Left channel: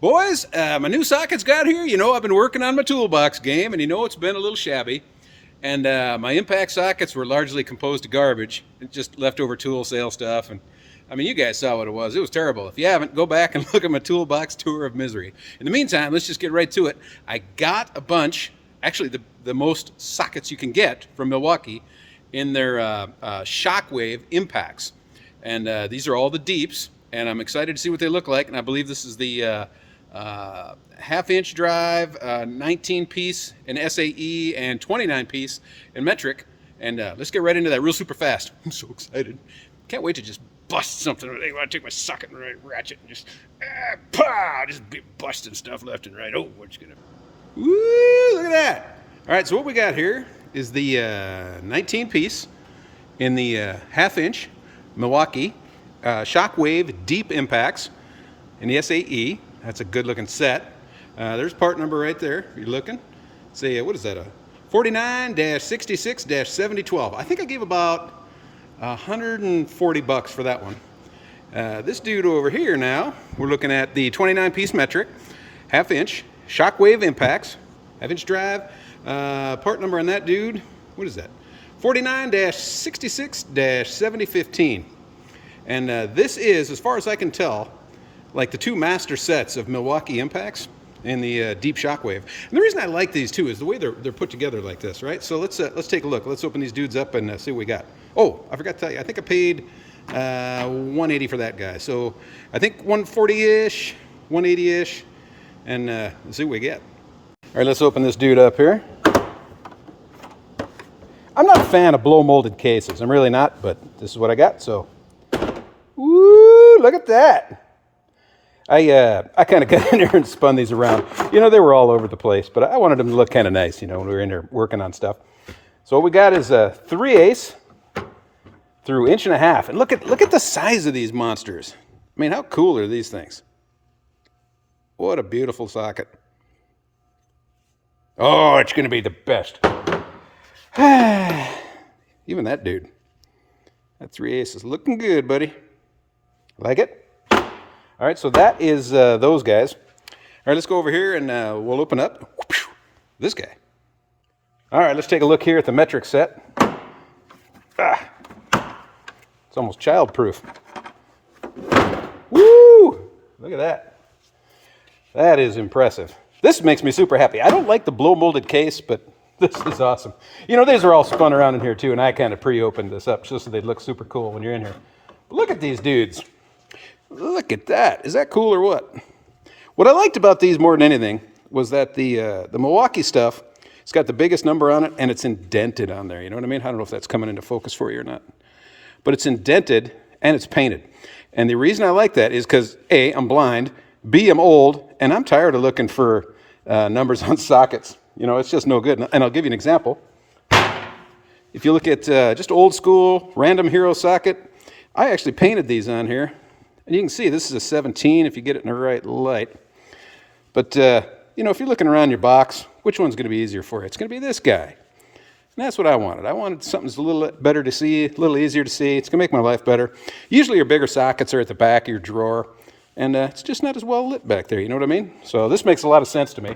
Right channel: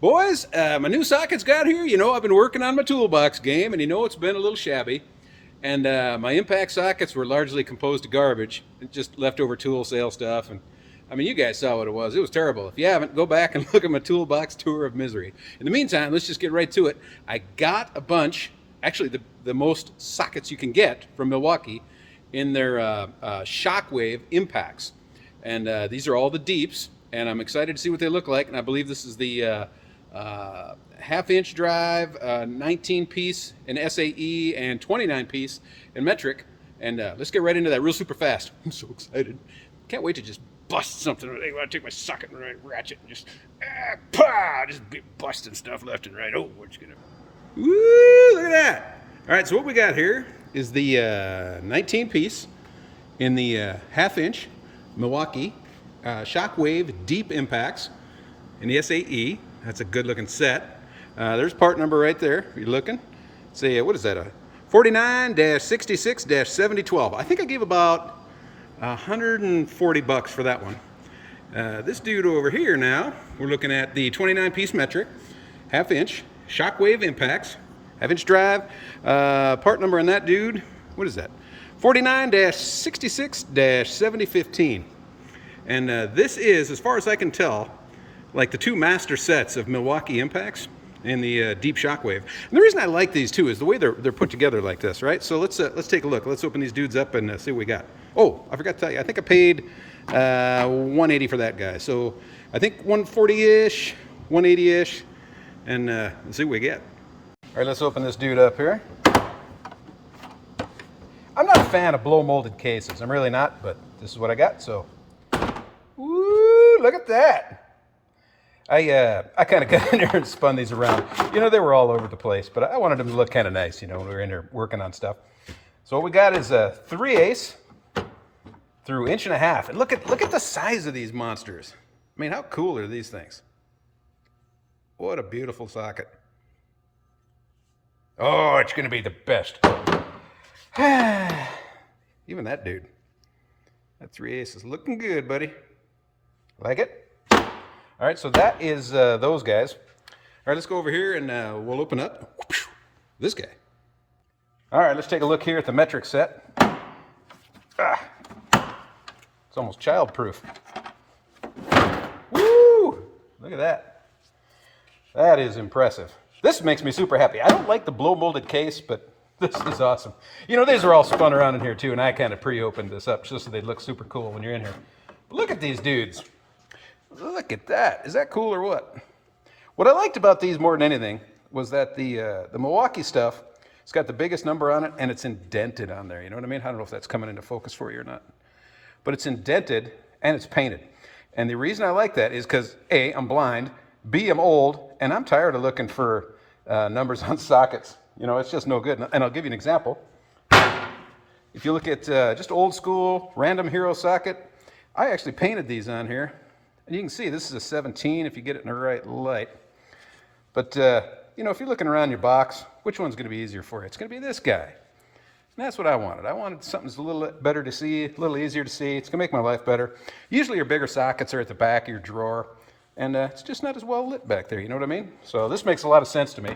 Boys, my new sockets got here. You know, I've been working on my toolbox game, and you know it's been a little shabby. And my impact sockets were largely composed of garbage, just leftover tool sale stuff. And I mean, you guys saw what it was. It was terrible. If you haven't, go back and look at my Toolbox Tour of Misery. In the meantime, let's just get right to it. I got a bunch, actually the most sockets you can get from Milwaukee in their Shockwave Impacts. And these are all the deeps, and I'm excited to see what they look like. And I believe this is the half-inch drive, 19-piece in SAE, and 29-piece in metric. And let's get right into that real super fast. I'm so excited. Can't wait to just bust something. I want to take my socket and ratchet and just, just be busting stuff left and right. Oh, what's gonna... Woo, look at that. All right, so what we got here is the 19-piece in the half-inch Milwaukee Shockwave Deep Impacts in the SAE. That's a good-looking set. There's part number right there, if you're looking. Say, what is that, a 49-66-7012. I think I gave about $140 for that one. This dude over here now, we're looking at the 29-piece metric, half-inch, Shockwave Impacts, half-inch drive. Part number on that dude, what is that? 49-66-7015. And this is, as far as I can tell, like the two master sets of Milwaukee Impacts and the Deep Shockwave. And the reason I like these two is the way they're put together like this, right? So let's take a look. Let's open these dudes up and see what we got. Oh, I forgot to tell you, I think I paid $180 for that guy. So I think 140-ish, 180-ish, and let's see what we get. All right, let's open this dude up here. I'm not a fan of blow molded cases. I'm really not, but this is what I got. So, woo, look at that. I kind of got in there and spun these around. You know, they were all over the place, but I wanted them to look kind of nice, you know, when we were in there working on stuff. So what we got is a 3/8 through 1.5 inches. And look at the size of these monsters. I mean, how cool are these things? What a beautiful socket. Oh, it's going to be the best. Even that dude. That 3/8 is looking good, buddy. Like it? All right, so that is those guys. All right, let's go over here and we'll open up this guy. All right, let's take a look here at the metric set. It's almost child-proof. Woo! Look at that. That is impressive. This makes me super happy. I don't like the blow-molded case, but this is awesome. You know, these are all spun around in here, too, and I kind of pre-opened this up just so they'd look super cool when you're in here. But look at these dudes. Look at that. Is that cool or what? What I liked about these more than anything was that the Milwaukee stuff, it's got the biggest number on it, and it's indented on there. You know what I mean? I don't know if that's coming into focus for you or not. But it's indented, and it's painted. And the reason I like that is because, A, I'm blind, B, I'm old, and I'm tired of looking for numbers on sockets. You know, it's just no good. And I'll give you an example. If you look at just old school, random hero socket, I actually painted these on here. And you can see this is a 17 if you get it in the right light. But, you know, if you're looking around your box, which one's going to be easier for you? It's going to be this guy. And that's what I wanted. I wanted something that's a little better to see, a little easier to see. It's going to make my life better. Usually your bigger sockets are at the back of your drawer. And it's just not as well lit back there, you know what I mean? So this makes a lot of sense to me.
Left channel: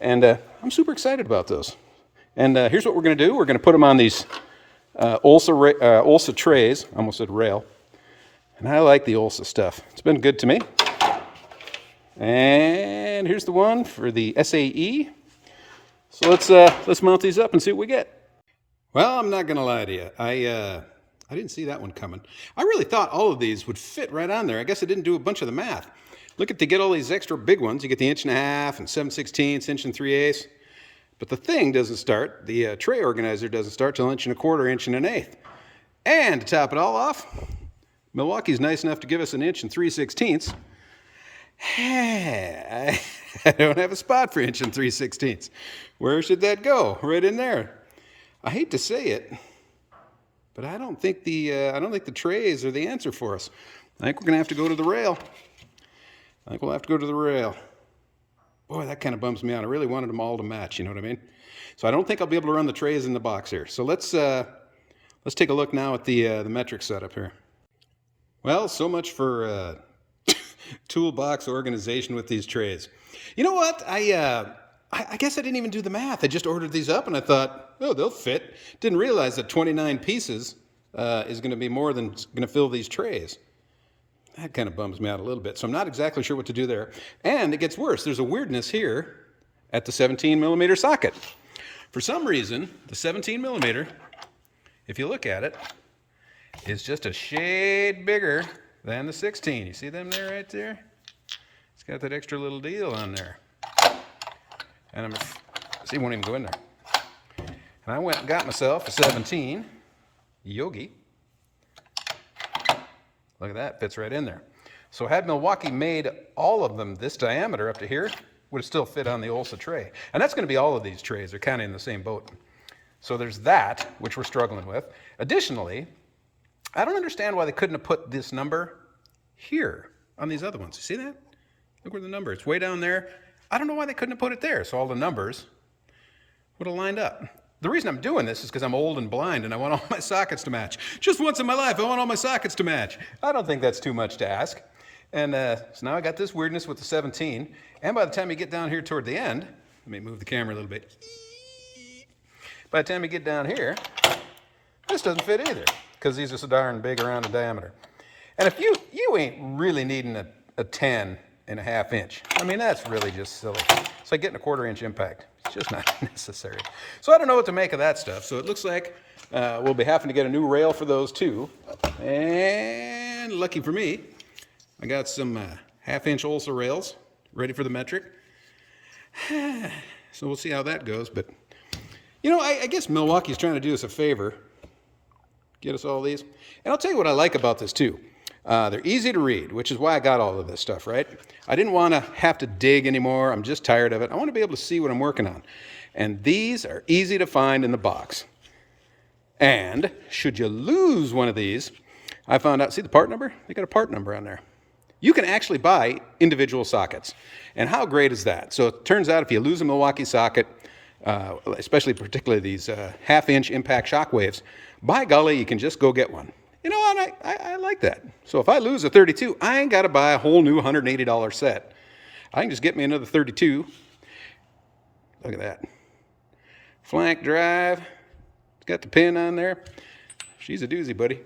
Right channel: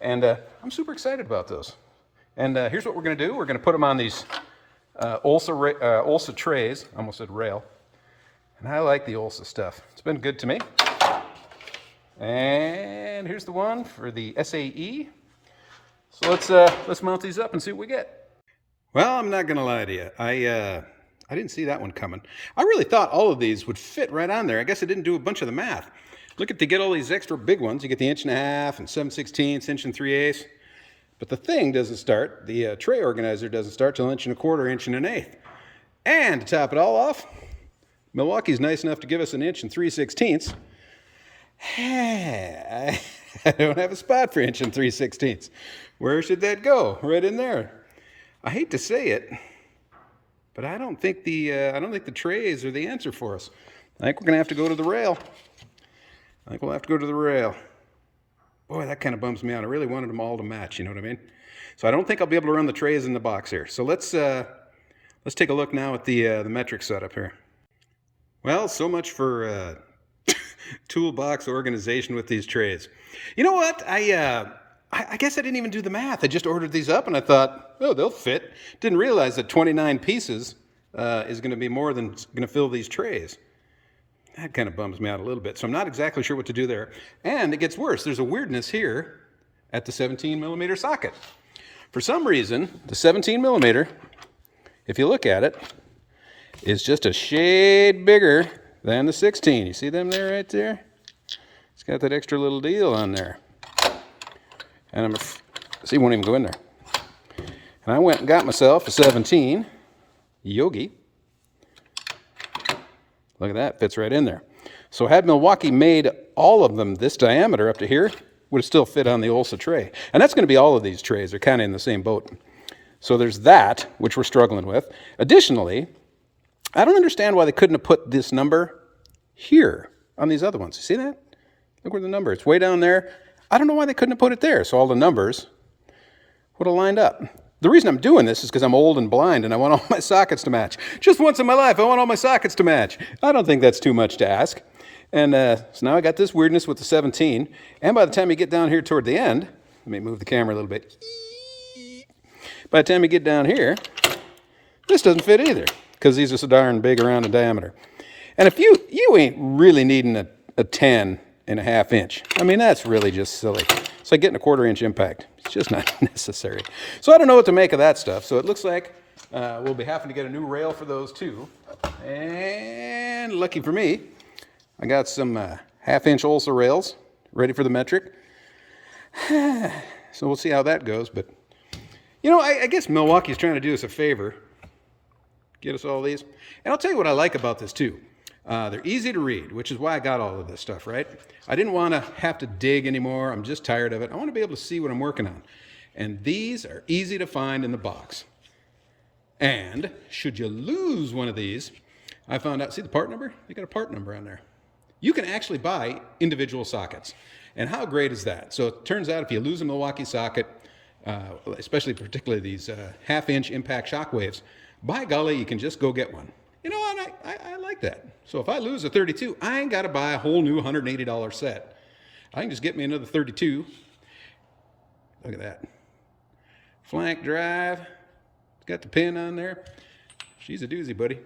And I'm super excited about those. And here's what we're going to do. We're going to put them on these Olsa trays. I almost said rail. And I like the Olsa stuff. It's been good to me. And here's the one for the SAE. So let's mount these up and see what we get. Well, I'm not going to lie to you. I didn't see that one coming. I really thought all of these would fit right on there. I guess I didn't do a bunch of the math. Look at, to get all these extra big ones, you get the 1.5 inches and 7/16, inch and 3/8. But the thing doesn't start, the tray organizer doesn't start till 1.25 inches, 1 1/8. And to top it all off, Milwaukee's nice enough to give us 1 3/16 inches. I don't have a spot for 1 3/16 inches. Where should that go? Right in there. I hate to say it, but I don't think the trays are the answer for us. I think we're gonna have to go to the rail. Boy, that kind of bums me out. I really wanted them all to match. You know what I mean? So I don't think I'll be able to run the trays in the box here. So let's take a look now at the metric setup here. Well, so much for toolbox organization with these trays. You know what? I guess I didn't even do the math. I just ordered these up and I thought, oh, they'll fit. Didn't realize that 29 pieces is going to be more than going to fill these trays. That kind of bums me out a little bit. So I'm not exactly sure what to do there. And it gets worse. There's a weirdness here at the 17 millimeter socket. For some reason, the 17 millimeter, if you look at it, is just a shade bigger than the 16. You see them there right there? It's got that extra little deal on there. And see, it won't even go in there. And I went and got myself a 17 Yogi. Look at that, fits right in there. So had Milwaukee made all of them this diameter up to here, would have still fit on the Olsa tray. And that's going to be all of these trays. They're kind of in the same boat. So there's that, which we're struggling with. Additionally, I don't understand why they couldn't have put this number here on these other ones. See that? Look where the number is. It's way down there. I don't know why they couldn't have put it there. So all the numbers would have lined up. The reason I'm doing this is because I'm old and blind and I want all my sockets to match. Just once in my life, I want all my sockets to match. I don't think that's too much to ask. And so now I got this weirdness with the 17. And by the time you get down here toward the end, let me move the camera a little bit. By the time you get down here, this doesn't fit either because these are so darn big around in diameter. And if you ain't really needing a 10.5 inch, I mean, that's really just silly. It's like getting a 1/4 inch impact. It's just not necessary. So I don't know what to make of that stuff. So it looks like we'll be having to get a new rail for those too. And lucky for me, I got some 1/2 inch Olsa rails ready for the metric. So we'll see how that goes. But, you know, I guess Milwaukee's trying to do us a favor. Get us all these. And I'll tell you what I like about this too. They're easy to read, which is why I got all of this stuff, right? I didn't want to have to dig anymore. I'm just tired of it. I want to be able to see what I'm working on. And these are easy to find in the box. And should you lose one of these, I found out, see the part number? They got a part number on there. You can actually buy individual sockets. And how great is that? So it turns out if you lose a Milwaukee socket, especially particularly these 1/2 inch impact shockwaves, by golly, you can just go get one. You know what? I like that. So if I lose a 32, I ain't got to buy a whole new $180 set. I can just get me another 32. Look at that. Flank drive. It's got the pin on there. She's a doozy, buddy.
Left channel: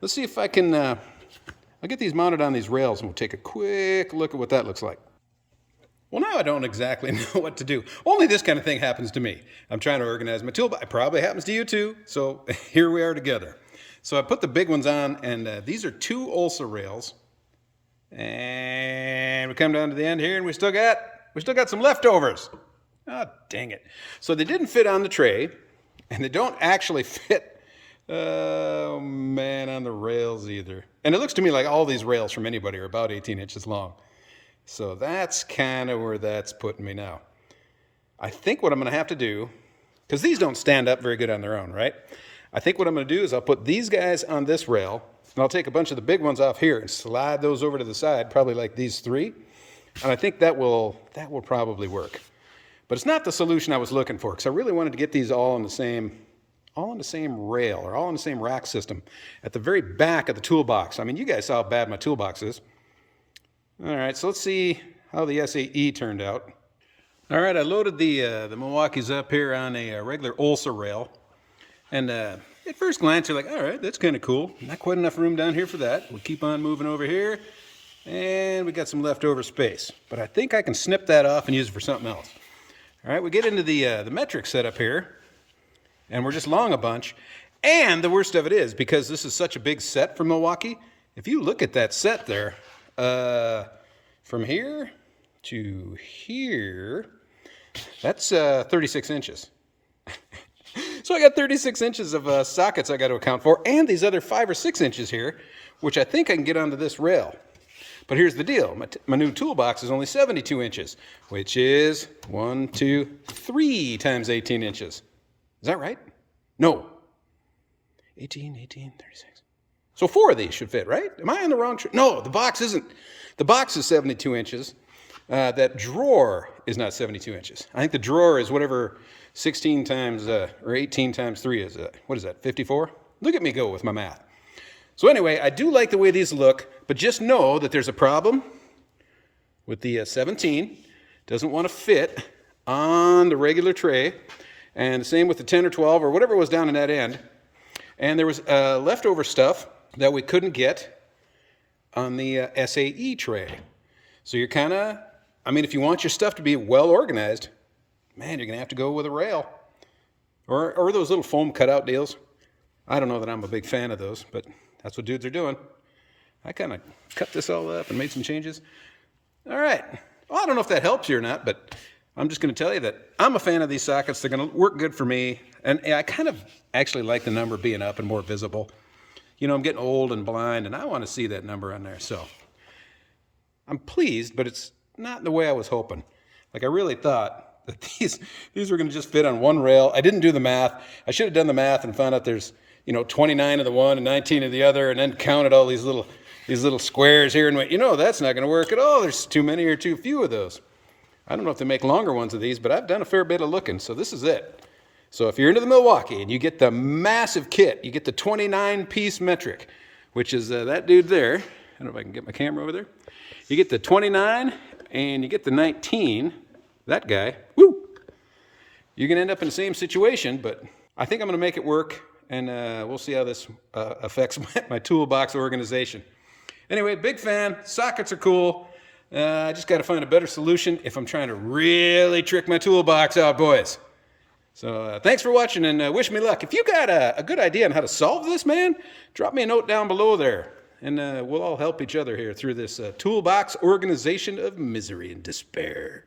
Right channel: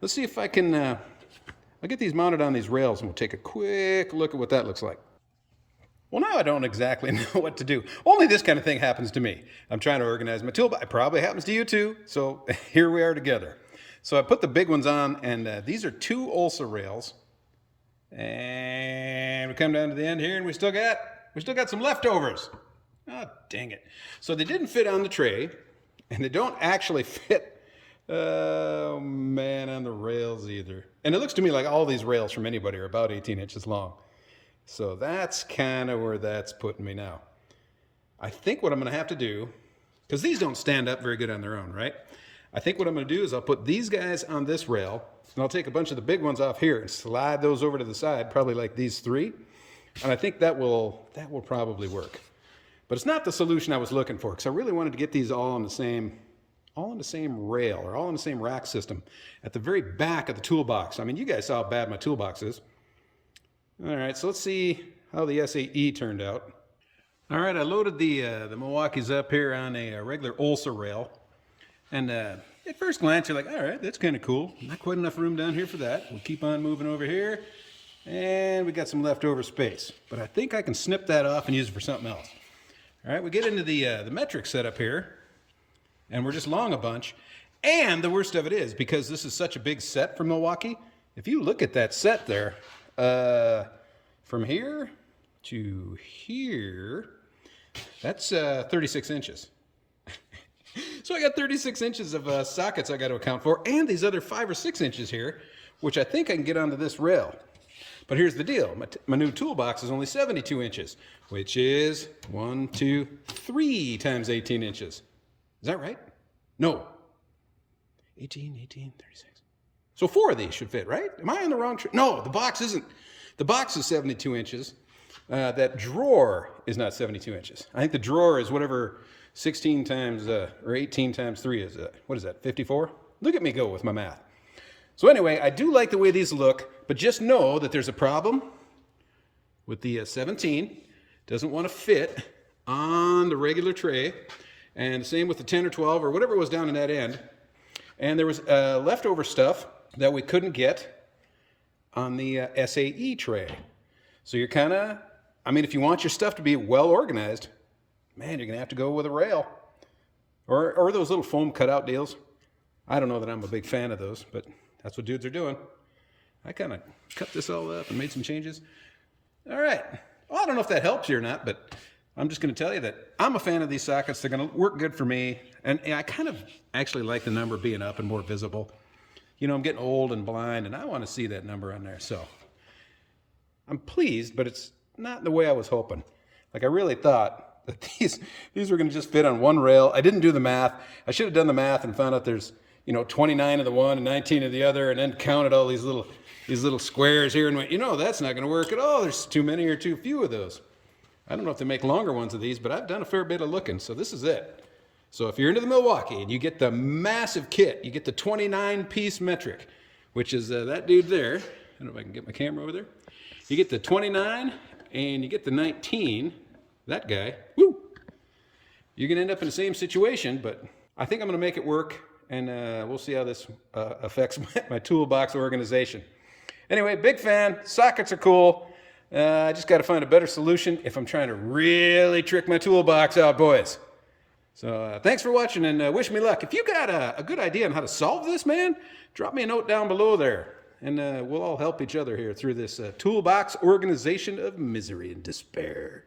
Let's see if I can... I'll get these mounted on these rails and we'll take a quick look at what that looks like. Well, now I don't exactly know what to do. Only this kind of thing happens to me. I'm trying to organize my toolbox. It probably happens to you too. So here we are together. So I put the big ones on, and these are 2 Olsa rails. And we come down to the end here, and we still got some leftovers. Oh, dang it. So they didn't fit on the tray, and they don't actually fit, oh man, on the rails either. And it looks to me like all these rails from anybody are about 18 inches long. So that's kind of where that's putting me now. I think what I'm going to have to do, because these don't stand up very good on their own, right? I think what I'm going to do is I'll put these guys on this rail, and I'll take a bunch of the big ones off here and slide those over to the side, probably like these 3. And I think that will probably work. But it's not the solution I was looking for, because I really wanted to get these all on the same rail, or all in the same rack system at the very back of the toolbox. I mean, you guys saw how bad my toolbox is. All right, so let's see how the SAE turned out. All right, I loaded the Milwaukees up here on a regular Olsa rail. And at first glance, you're like, all right, that's kind of cool. Not quite enough room down here for that. We'll keep on moving over here. And we got some leftover space. But I think I can snip that off and use it for something else. All right, we get into the metric setup here. And we're just long a bunch. And the worst of it is, because this is such a big set for Milwaukee, if you look at that set there, from here to here, that's 36 inches. So I got 36 inches of sockets I got to account for, and these other 5 or 6 inches here, which I think I can get onto this rail. But here's the deal. My new toolbox is only 72 inches, which is 1, 2, 3 times 18 inches. Is that right? No. 18, 36. So 4 of these should fit, right? Am I on the wrong... No, the box isn't. The box is 72 inches. That drawer is not 72 inches. I think the drawer is whatever 16 times, or 18 times 3 is. What is that, 54? Look at me go with my math. So anyway, I do like the way these look, But just know that there's a problem with the 17. Doesn't want to fit on the regular tray. And same with the 10 or 12 or whatever was down in that end. And there was leftover stuff that we couldn't get on the SAE tray. So you're kind of, I mean, if you want your stuff to be well organized, man, you're going to have to go with a rail. Or those little foam cutout deals. I don't know that I'm a big fan of those, but that's what dudes are doing. I kind of cut this all up and made some changes. All right. Well, I don't know if that helps you or not, but I'm just going to tell you that I'm a fan of these sockets. They're going to work good for me. And I kind of actually like the number being up and more visible. You know, I'm getting old and blind, and I want to see that number on there. So I'm pleased, but it's not the way I was hoping. Like, I really thought that these were going to just fit on one rail. I didn't do the math. I should have done the math and found out there's, 29 of the one and 19 of the other, and then counted all these little squares here and went, that's not going to work at all. There's too many or too few of those. I don't know if they make longer ones of these, but I've done a fair bit of looking, so this is it. So if you're into the Milwaukee and you get the massive kit, you get the 29-piece metric, which is that dude there. I don't know if I can get my camera over there. You get the 29 and you get the 19, that guy. Woo! You're going to end up in the same situation, but I think I'm going to make it work, and we'll see how this affects my toolbox organization. Anyway, big fan. Sockets are cool. I just got to find a better solution if I'm trying to really trick my toolbox out, boys. So thanks for watching, and wish me luck. If you got a good idea on how to solve this, man, drop me a note down below there, and we'll all help each other here through this toolbox organization of misery and despair.